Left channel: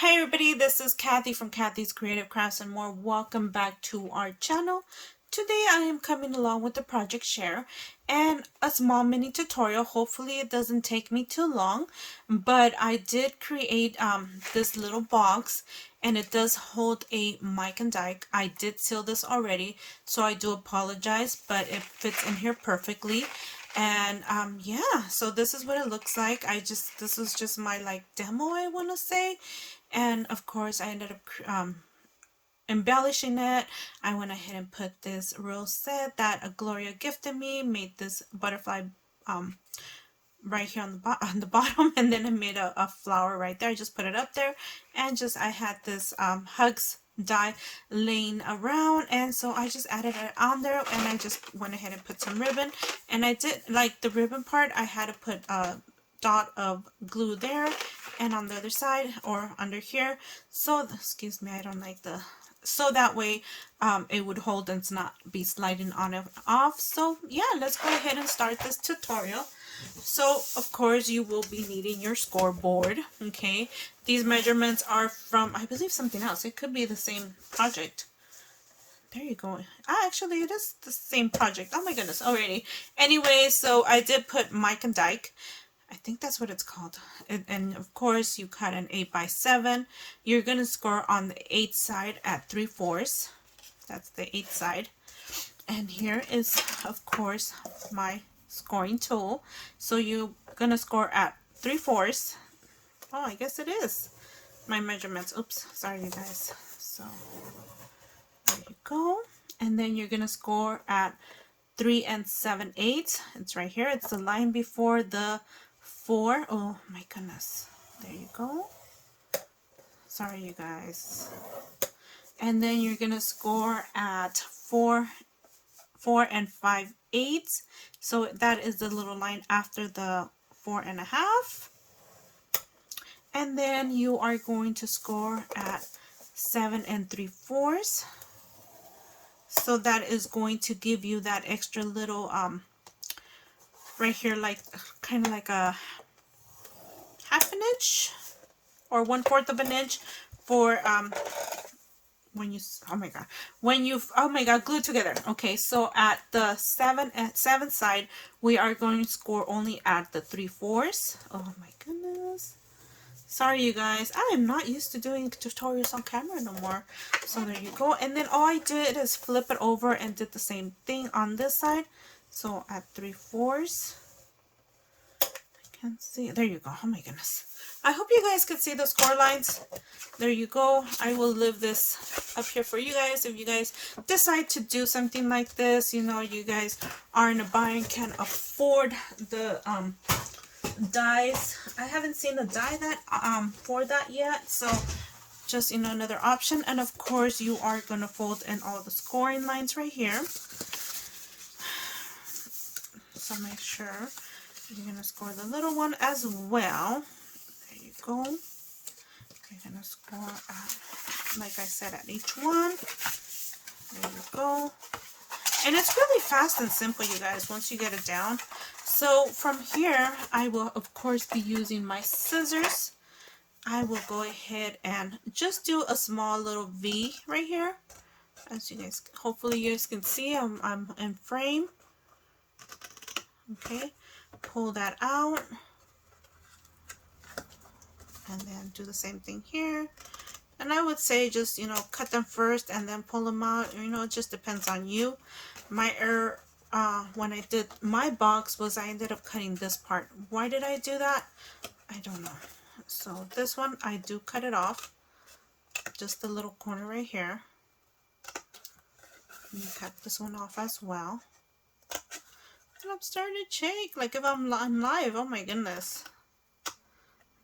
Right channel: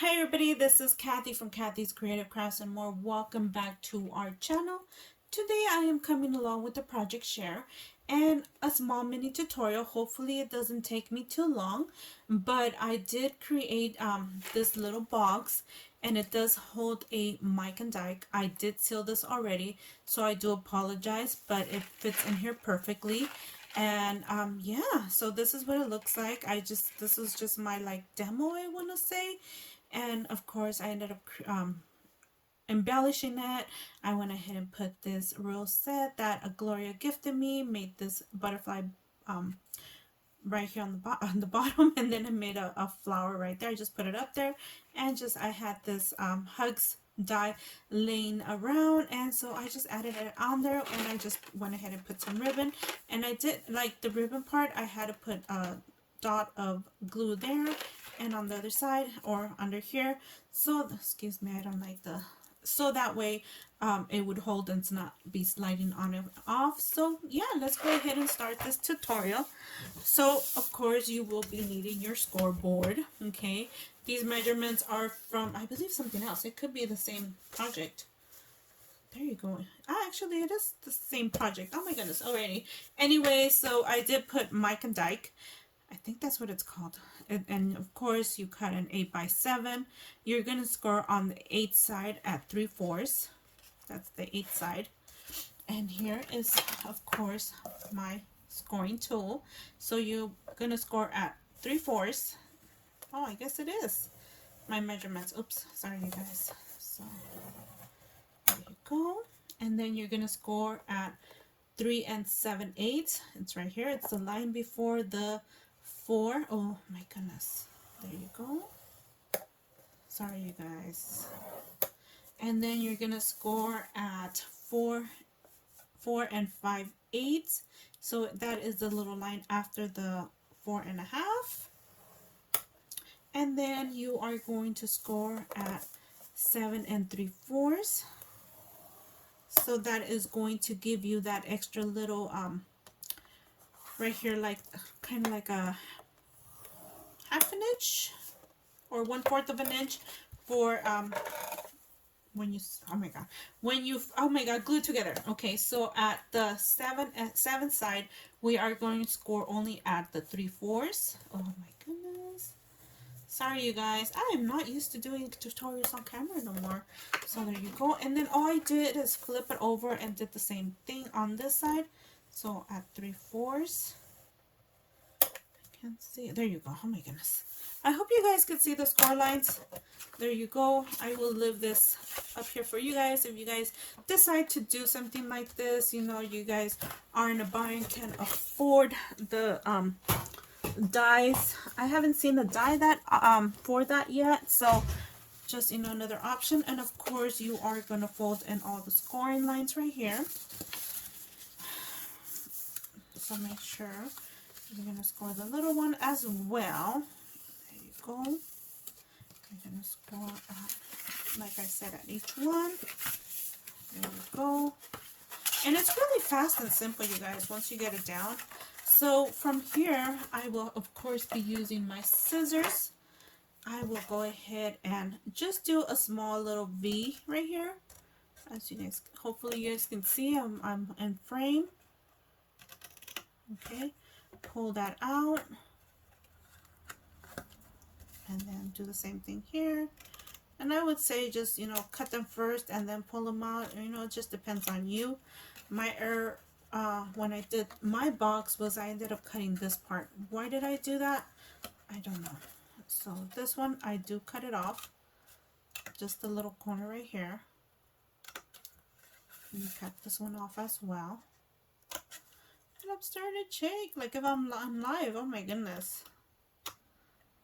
Hi everybody, this is Kathy from Kathy's Creative Crafts and more. Welcome back to our channel. Today I am coming along with the project share and a small mini tutorial. Hopefully it doesn't take me too long, but I did create this little box and it does hold a mic and die. I did seal this already, so I do apologize, but it fits in here perfectly. And yeah, so this is what it looks like. This was just my like demo, I want to say. And of course I ended up embellishing it. I went ahead and put this rose set that a Gloria gifted me, made this butterfly right here on the bottom, and then I made a flower right there. I just put it up there, and just I had this hugs die laying around, and so I just added it on there, and I just went ahead and put some ribbon. And I did like the ribbon part, I had to put a dot of glue there and on the other side or under here, so excuse me, I don't like the, so that way it would hold and not be sliding on and off. So yeah, let's go ahead and start this tutorial. So of course you will be needing your scoreboard. Okay, these measurements are from, I believe, something else. It could be the same project. There you go. Actually it is the same project. Oh my goodness. Alrighty. Anyway, so I did put Mike and Dyke. I think that's what it's called. And of course you cut an 8x7. You're gonna score on the 8th side at 3/4. That's the 8th side. And here is of course my scoring tool. So you're gonna score at 3/4. Oh, I guess it is my measurements. Oops, sorry you guys. So there you go. And then you're gonna score at 3 7/8. It's right here. It's the line before the 4. Oh my goodness. There you go. Sorry you guys. And then you're gonna score at 4 5/8. So that is the little line after the 4.5. And then you are going to score at 7 3/4. So that is going to give you that extra little right here, like kind of like a half an inch or 1/4 of an inch for when you, oh my god, when you, oh my god, glued together. Okay, so at the 7 side we are going to score only at the 3/4. Oh my goodness, sorry you guys, I am not used to doing tutorials on camera no more. So there you go. And then all I did is flip it over and did the same thing on this side. So at 3/4, can't see. There you go. Oh my goodness. I hope you guys can see the score lines. There you go. I will leave this up here for you guys. If you guys decide to do something like this, you know, you guys are in a bind and can't afford the dies. I haven't seen a die that for that yet. So just, you know, another option. And of course you are going to fold in all the scoring lines right here. So make sure you're going to score the little one as well. There you go. You're going to score at, like I said, at each one. There you go. And it's really fast and simple, you guys, once you get it down. So from here, I will, of course, be using my scissors. I will go ahead and just do a small little V right here. As you guys, hopefully you guys can see, I'm in frame. Okay. Pull that out and then do the same thing here. And I would say just, you know, cut them first and then pull them out. You know, it just depends on you. My error when I did my box was I ended up cutting this part. Why did I do that? I don't know. So this one I do cut it off, just the little corner right here. And you cut this one off as well. And I'm starting to shake like if I'm live. Oh my goodness.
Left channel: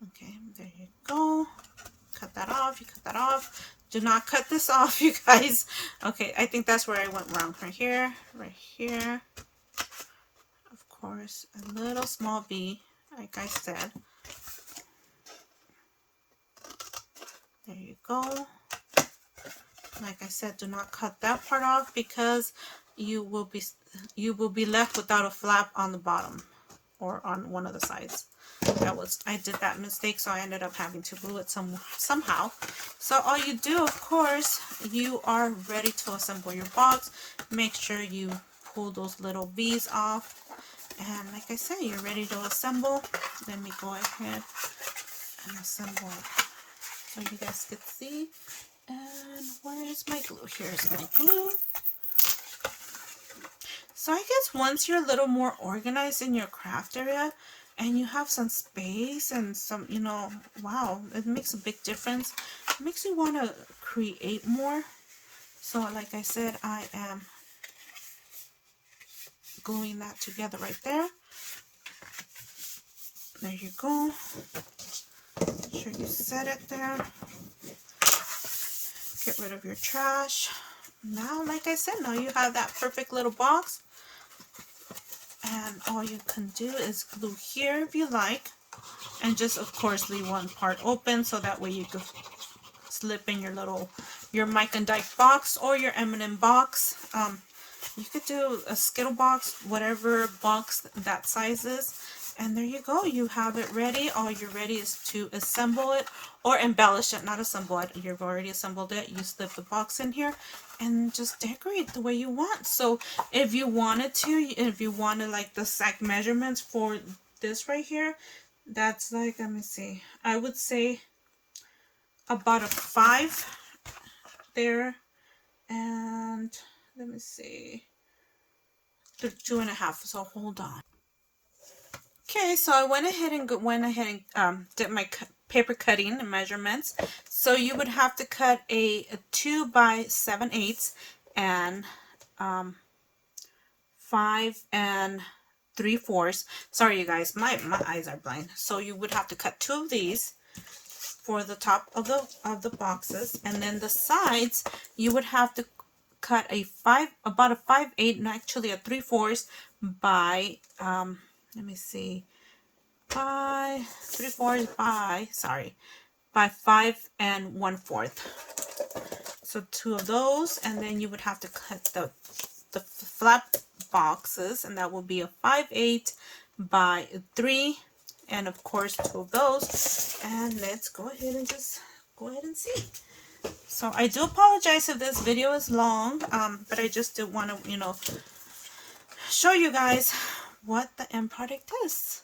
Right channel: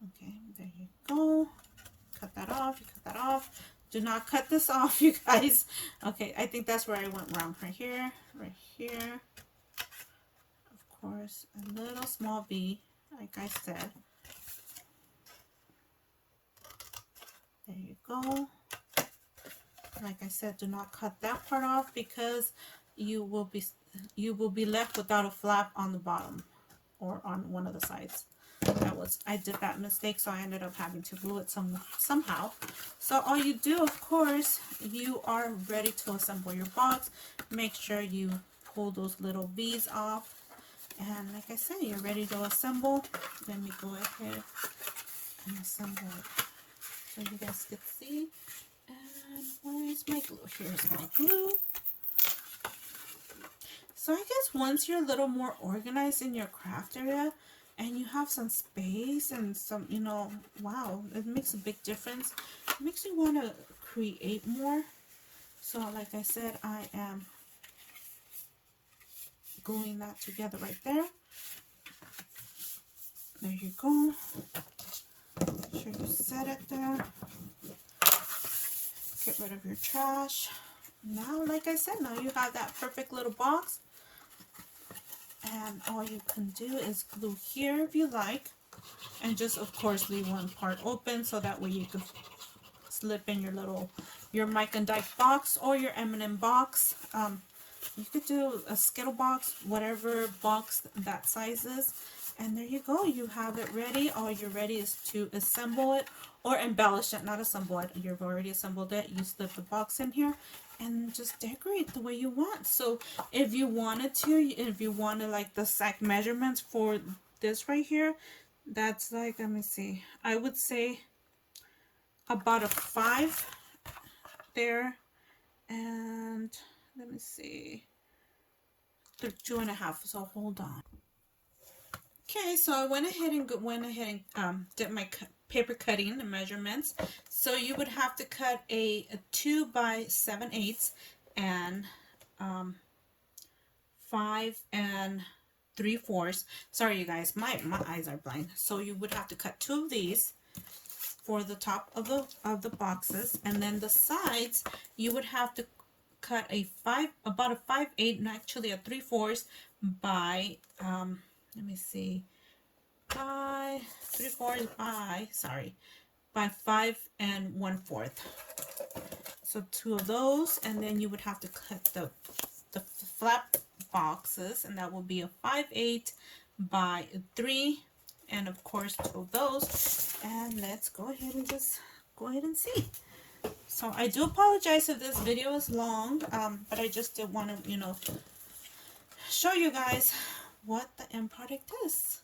Okay, there you go. Cut that off. You cut that off. Do not cut this off, you guys. Okay, I think that's where I went wrong. Right here, right here. Of course, a little small V, like I said. There you go. Like I said, do not cut that part off because you will be left without a flap on the bottom or on one of the sides. I did that mistake, so I ended up having to glue it somehow. So all you do, of course, you are ready to assemble your box. Make sure you pull those little V's off. And like I said, you're ready to assemble. Let me go ahead and assemble it so you guys can see. And where is my glue? Here's my glue. So I guess once you're a little more organized in your craft area and you have some space and some, you know, wow, it makes a big difference. It makes you want to create more. So like I said, I am gluing that together right there. There you go. Make sure you set it there. Get rid of your trash. Now, like I said, now you have that perfect little box. And all you can do is glue here if you like. And just, of course, leave one part open so that way you can slip in your Mike and Dyke box or your M&M box. You could do a Skittle box, whatever box that size is. And there you go. You have it ready. All you're ready is to assemble it or embellish it, not assemble it. You've already assembled it. You slip the box in here and just decorate the way you want. So if you wanted to, if you wanted like the exact measurements for this right here, that's like, let me see, I would say about a 5 there, and let me see, 2.5. So hold on. Okay, so I went ahead and did my paper cutting measurements. So you would have to cut a 2 by 7/8 and 5 3/4. Sorry, you guys, my eyes are blind. So you would have to cut 2 of these for the top of the boxes, and then the sides you would have to cut about a 5/8, and actually a 3/4 by let me see, by 3/4 by 5 1/4. So 2 of those, and then you would have to cut the flat boxes, and that will be a 5/8 by 3, and of course 2 of those. And let's go ahead and just go ahead and see. So I do apologize if this video is long, but I just did want to, you know, show you guys what the end product is.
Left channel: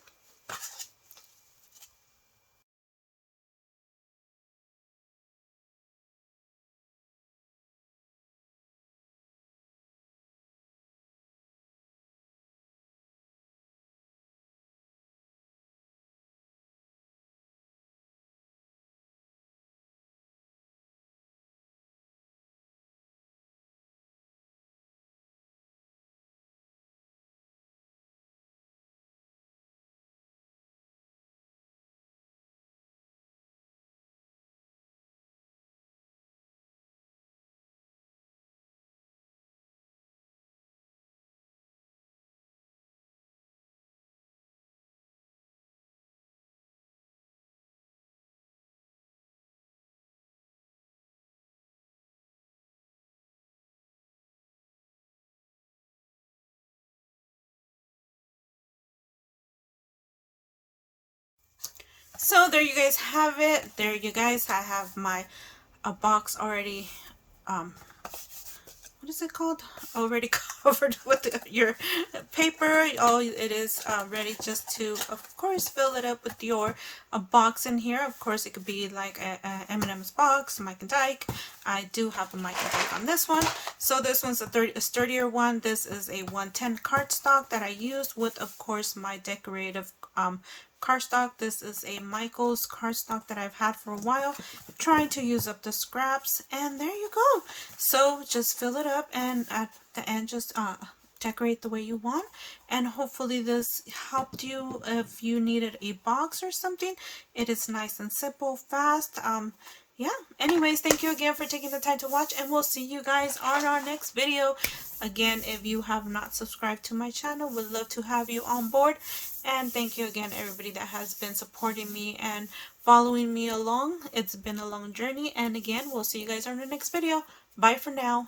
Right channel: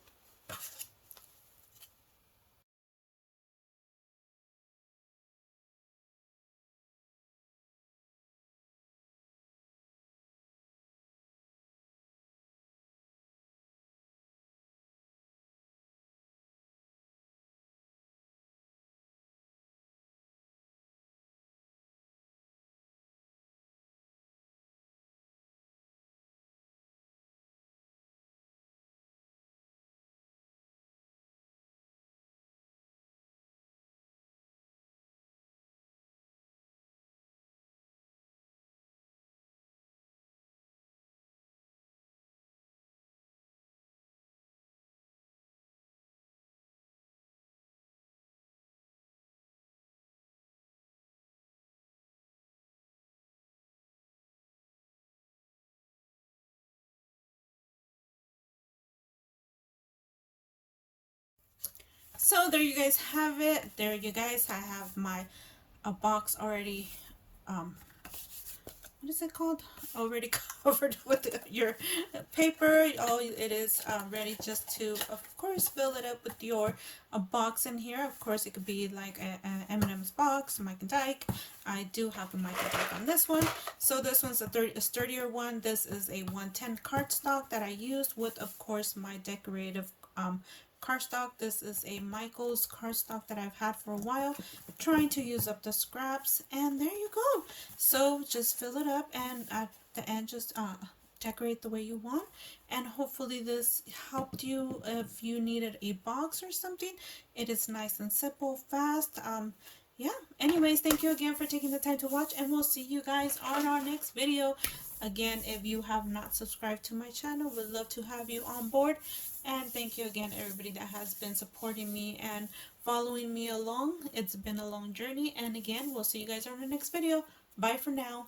So there you guys have it. There you guys, I have my box already, what is it called? Already covered with your paper. Oh, it is ready just to, of course, fill it up with your box in here. Of course, it could be like a M&M's box, Mike and Dyke. I do have a Mike and Dyke on this one. So this one's a sturdier one. This is a 110 cardstock that I used with, of course, my decorative cardstock. This is a Michael's cardstock that I've had for a while, trying to use up the scraps, and there you go. So just fill it up, and at the end just decorate the way you want. And hopefully this helped you if you needed a box or something. It is nice and simple, fast. Yeah, anyways, thank you again for taking the time to watch, and we'll see you guys on our next video. Again, if you have not subscribed to my channel, would love to have you on board. And thank you again, everybody that has been supporting me and following me along. It's been a long journey, and again, we'll see you guys on the next video. Bye for now.